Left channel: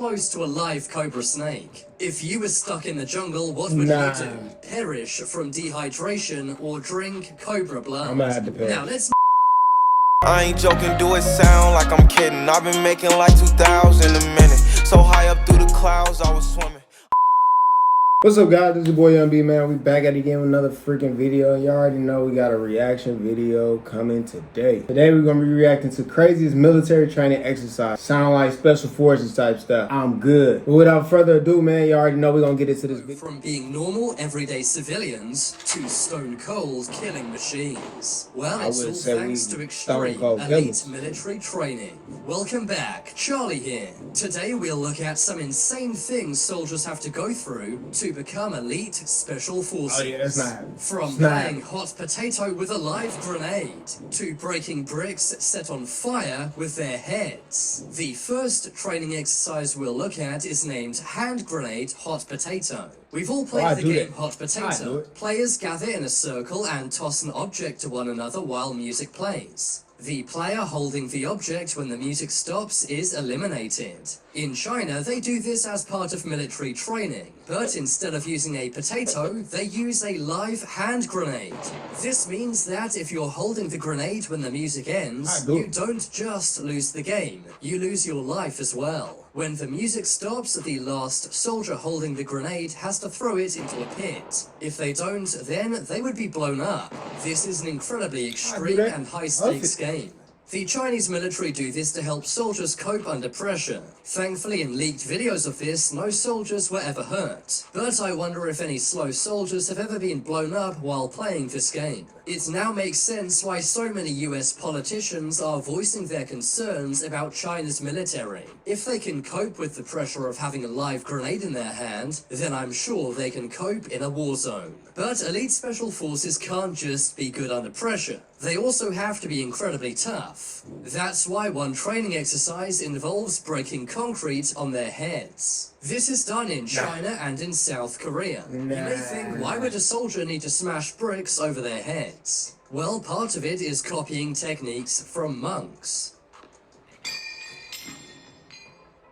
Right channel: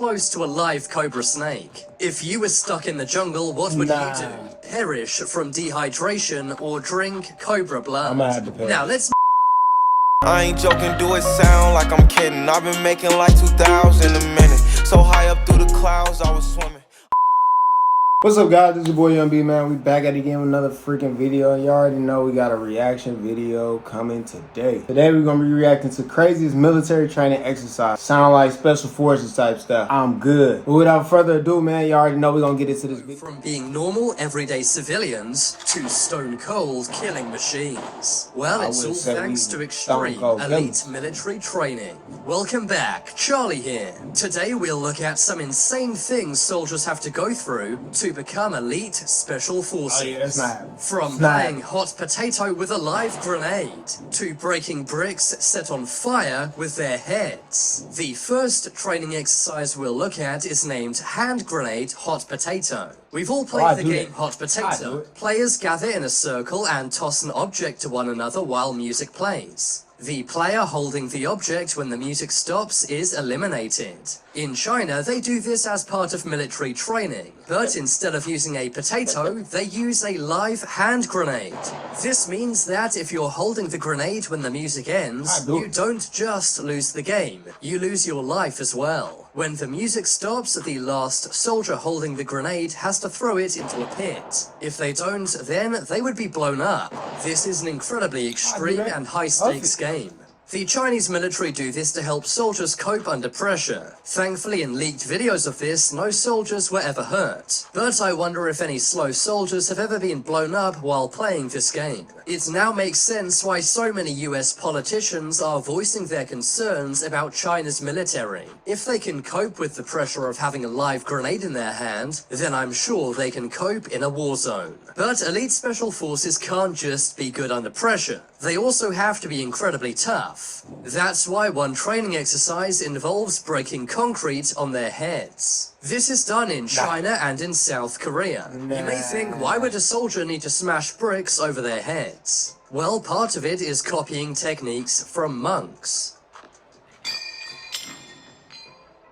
close to a live cobra snake. If you were stuck in the jungle, what would you do? Perish from dehydration or drink cobra blood? Now let's... I ain't joking, do it sound like I'm kidding. I've been making like 2,000 a minute. So high up through the clouds, I was swimming. What's up, guys? This is your boy YVNGB, man. We back at it again with another freaking video. You already know we got a reaction video coming today. Today we're gonna be reacting to craziest military training exercise. Sound like special forces type stuff. I'm good. But without further ado, man, you already know we're gonna get into this video. From being normal, everyday civilians to stone cold killing machines. Well, it's all thanks to extreme elite military training. Welcome back, Charlie here. Today we'll look at some insane things soldiers have to go through to become elite special forces. Oh yeah, that's not. From playing hot potato with a live grenade to breaking bricks set on fire with their heads. The first training exercise we'll look at is named hand grenade hot potato. We've all played the game hot potato. Players gather in a circle and toss an object to one another while music plays. The player holding the object when the music stops is eliminated. In China, they do this as part of military training, but instead of using a potato, they use a live hand grenade. This means that if you're holding the grenade when the music ends, you don't just lose the game, you lose your life as well. When the music stops, the last soldier holding the grenade has to throw it into a pit. If they don't, then they would be blown up. This is an incredibly extreme and high-stakes game. The Chinese military do this to help soldiers cope under pressure. Thankfully, in leaked videos of this, no soldiers were ever hurt. But I wonder if any slow soldiers have ever been blown up while playing this game. It now makes sense why so many US politicians are voicing their concerns about China's military. If they can cope with the pressure of having a live grenade in their hand, then I'm sure they can cope in a war zone. But elite special forces can't just be good under pressure. They also have to be incredibly tough. That's why one training exercise involves breaking concrete on their heads. This is done in China and in South Korea. You may think, why would a soldier need to smash bricks over their heads? Well, part of it is copying techniques from monks.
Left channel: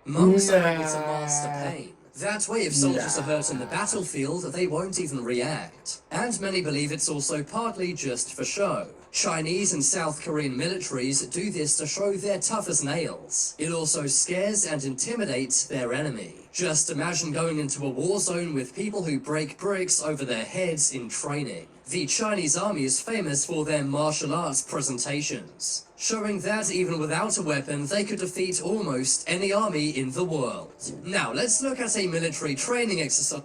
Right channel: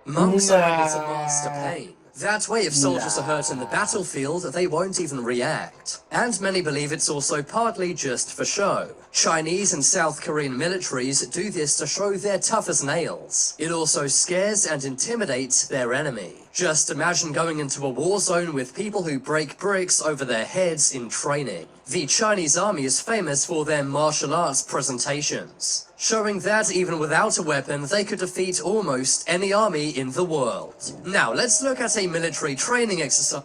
Monks are able to master pain. That way, if soldiers are hurt in the battlefield, they won't even react. And many believe it's also partly just for show. Chinese and South Korean militaries do this to show they're tough as nails. It also scares and intimidates their enemy. Just imagine going into a war zone with people who break bricks over their heads in training. The Chinese army is famous for their martial arts presentations, showing that even without a weapon, they could defeat almost any army in the world. Now, let's look at a military training exercise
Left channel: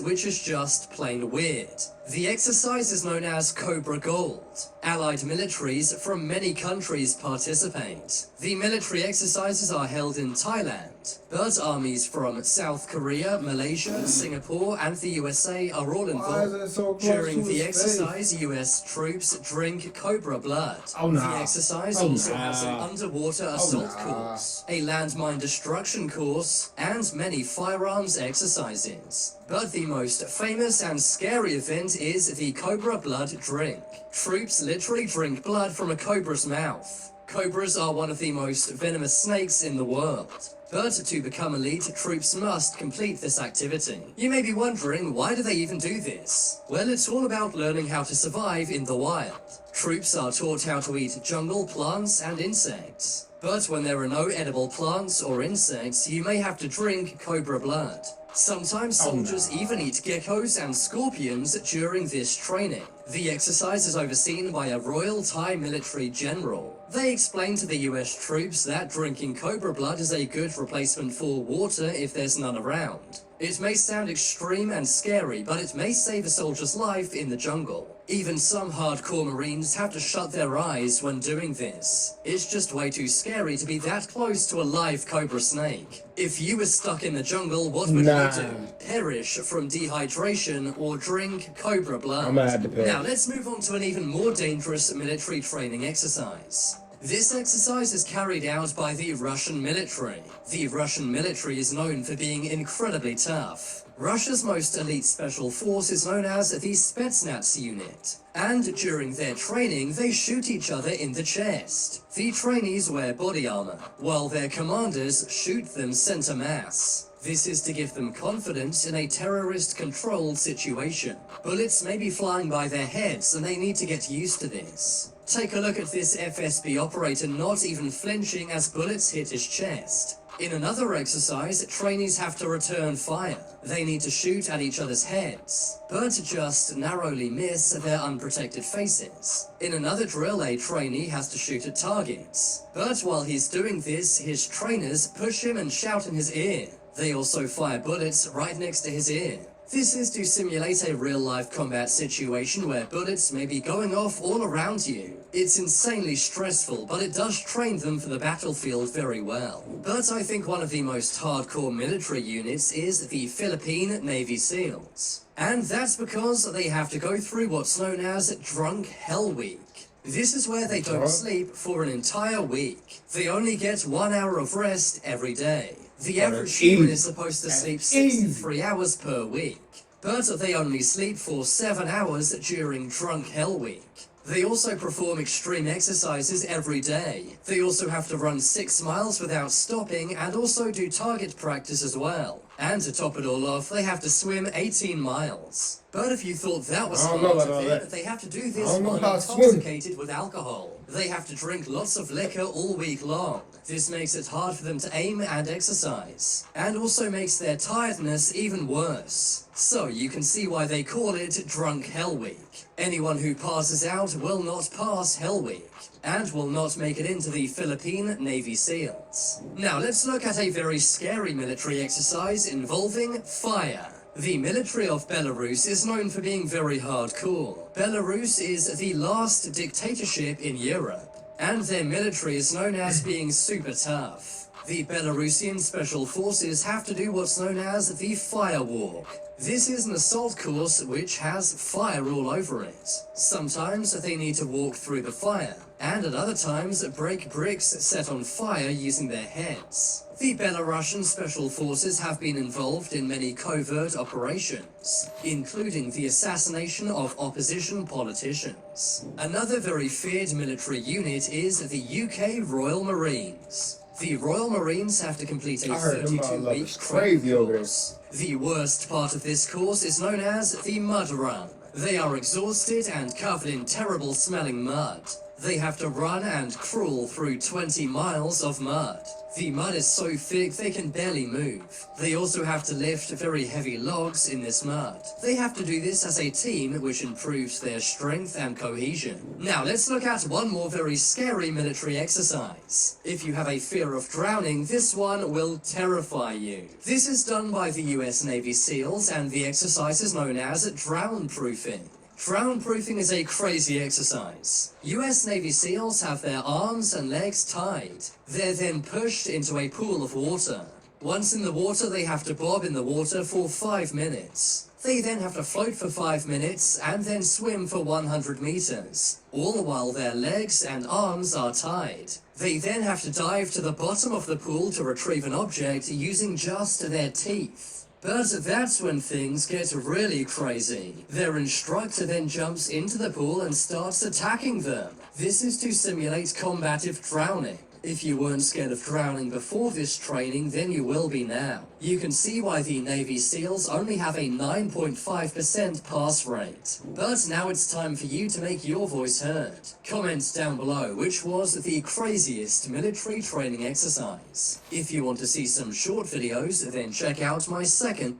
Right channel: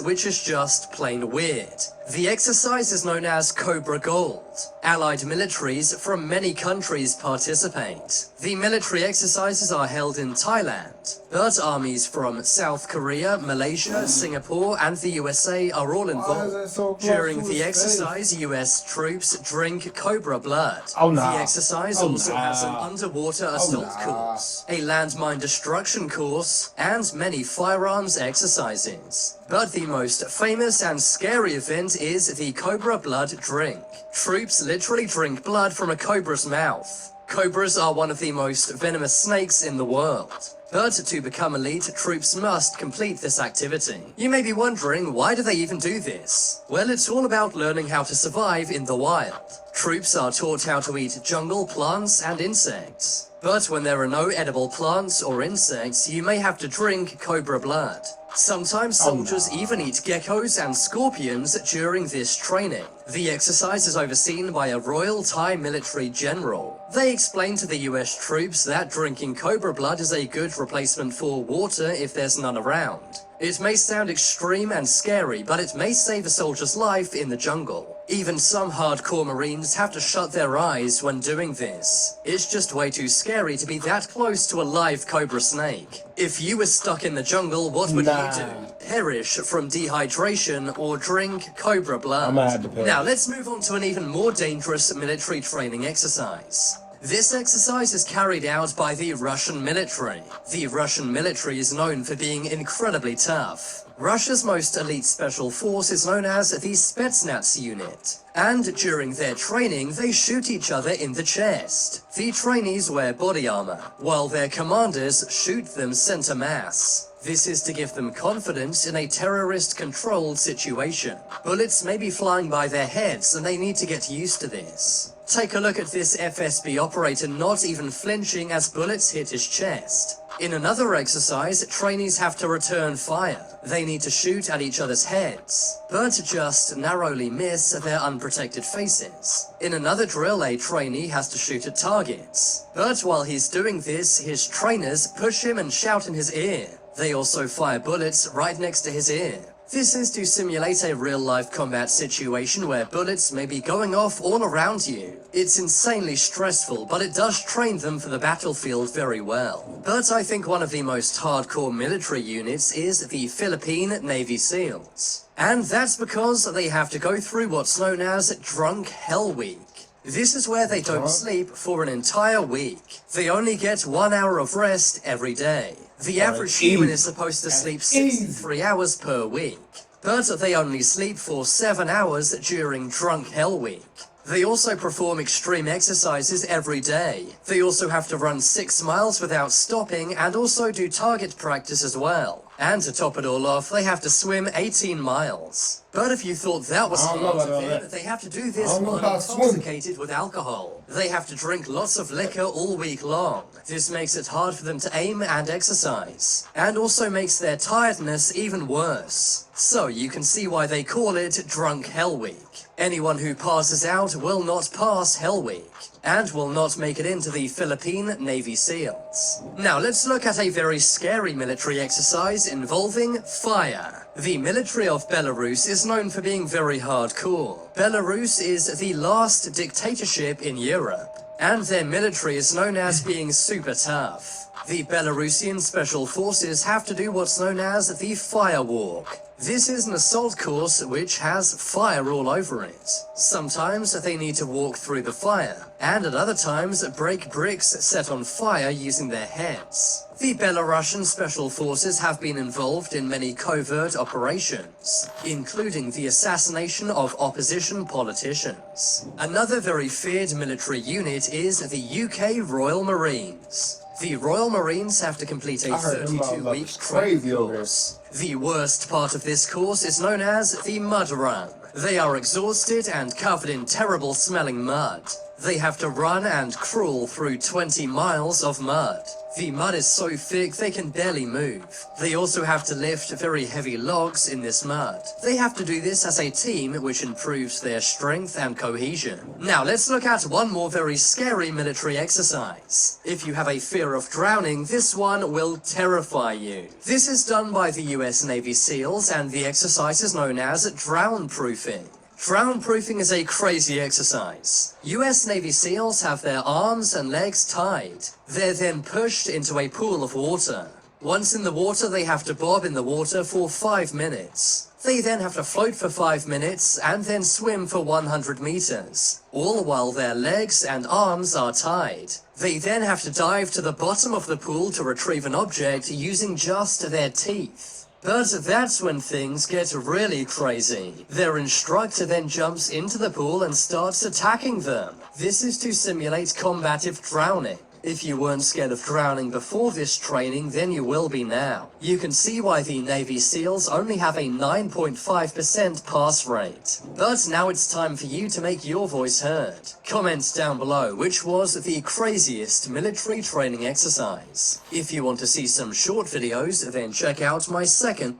which is just plain weird. The exercise is known as Cobra Gold. Allied militaries from many countries participate. The military exercises are held in Thailand, but armies from South Korea, Malaysia, Singapore, and the USA are all involved. During the exercise, US troops drink cobra blood. The exercise also has an underwater assault course, a landmine destruction course, and many firearms exercises. But the most famous and scary event is the Cobra Blood Drink. Troops literally drink blood from a cobra's mouth. Cobras are one of the most venomous snakes in the world. But to become elite, troops must complete this activity. You may be wondering, why do they even do this? Well, it's all about learning how to survive in the wild. Troops are taught how to eat jungle plants and insects. But when there are no edible plants or insects, you may have to drink cobra blood. Sometimes soldiers even eat geckos and scorpions during this training. The exercise is overseen by a Royal Thai military general. They explain to the US troops that drinking cobra blood is a good replacement for water if there's none around. It may sound extreme and scary, but it may save a soldier's life in the jungle. Even some hardcore Marines have to shut their eyes when doing this. It's just way too scary to be that close to a live cobra snake. If you were stuck in the jungle, what would you do? Perish from dehydration or drink cobra blood? Now let's move on to an even more dangerous military training exercise. This exercise is carried out by the Russian military. The Russian military is known for being incredibly tough. Russia's most elite special force is known as the Spetsnaz unit. And during their training, they shoot each other in the chest. The trainees wear body armor, while their commanders shoot them center mass. This is to give them confidence in a terrorist-controlled situation. Bullets may be flying by their heads, and they need to get used to this. Take a look at this FSB operator not even flinching as bullets hit his chest. In another exercise, trainees have to return fire. They need to shoot at each other's heads, but just narrowly miss their unprotected faces. In another drill, a trainee has to shoot at targets, but while he's doing this, his trainers push him and shout in his ear. They also fire bullets right next to his ear. This is to simulate a real-life combat situation where bullets may be going off all around you. It's insanely stressful, but it does train them for the battlefield very well. But I think one of the most hardcore military units is the Philippine Navy SEALs. And that's because they have to go through what's known as Drunk Hell Week. This is where they don't sleep for an entire week. They only get 1 hour of rest every day. The average human is supposed to sleep 63 hours per week, but they only sleep for 7 hours during Drunk Hell Week. They also perform extreme exercises every day. They also have to run 6 miles without stopping and also do target practice as well. And to top it all off, they have to swim 18 miles. But if you thought that was hard to fit, they have to do this while intoxicated with alcohol. They have to drink lots of liquor all week long. This makes it hard for them to aim and exercise, and also makes their tiredness even worse. So you can see why they call it Drunk Hell Week. Anyone who passes out will not pass Hell Week, and will not make it into the Philippine Navy SEALs. Now let's look at a very scary military exercise involving fire. The military of Belarus is known for being very hardcore. Belarus is the last dictatorship in Europe, and their military is known as being super tough. The Belarusian special forces have to do what's known as the fire walk. This is an assault course which has fire all over it. Sometimes they need to walk through the fire, and at other times break bricks set on fire using their heads. The Belarusian special forces have been involved in many covert operations, including the assassination of opposition politicians. Another very feared military unit is the UK Royal Marines. The Royal Marines have to complete a 32-week training course. The worst part of this course is known as the Maduran. They are exhausted and covered in terrible smelling mud. They have to run and crawl through 20 miles of mud. The mud is so thick they can barely move. They also have to lift very heavy logs in this mud. They have to do this as a team, which improves their strength and cohesion. Now let's look at one more very scary military exercise. If you have a fear of drowning, this one will terrify you. This is done by the US Navy SEALs, and the exercise is known as drown-proofing. Drown-proofing is a crazy exercise. US Navy SEALs have their arms and legs tied. They're then pushed into a pool of water. Once in the water, they have to bob in the water for 5 minutes. They then have to float for 5 minutes and then swim for 100 meters, all while their legs and arms are tied. They then have to dive to the bottom of the pool to retrieve an object using just their teeth. But that's when things get really crazy. Their instructor then jumps into the pool and starts attacking them. This is to simulate combative drowning. If you weren't scared of drowning before this training, then you will be now. You can see why the Navy SEALs only have a 9.5% pass rate. But now it's time for you to make your voice heard. Comment down below which was the craziest military training exercise. If you want to see some short videos, then check out my second.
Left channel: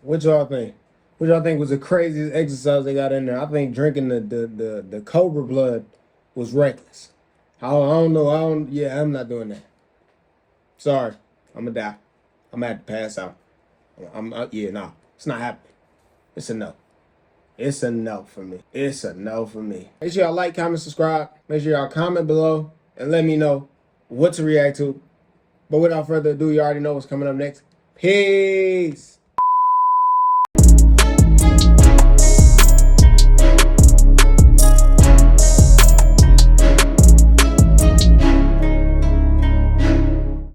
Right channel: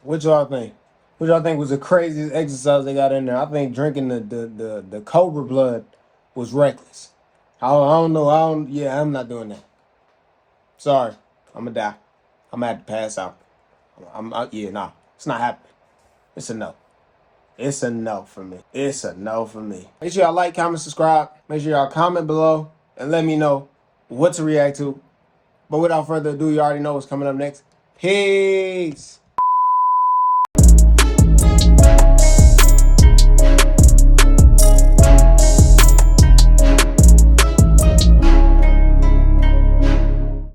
What y'all think? What y'all think was the craziest exercise they got in there? I think drinking the Cobra blood was reckless. I don't know. I'm not doing that. Sorry. I'm gonna die. I'm gonna have to pass out. Nah. It's not happening. It's a no. It's a no for me. It's a no for me. Make sure y'all like, comment, subscribe. Make sure y'all comment below and let me know what to react to. But without further ado, you already know what's coming up next. Peace.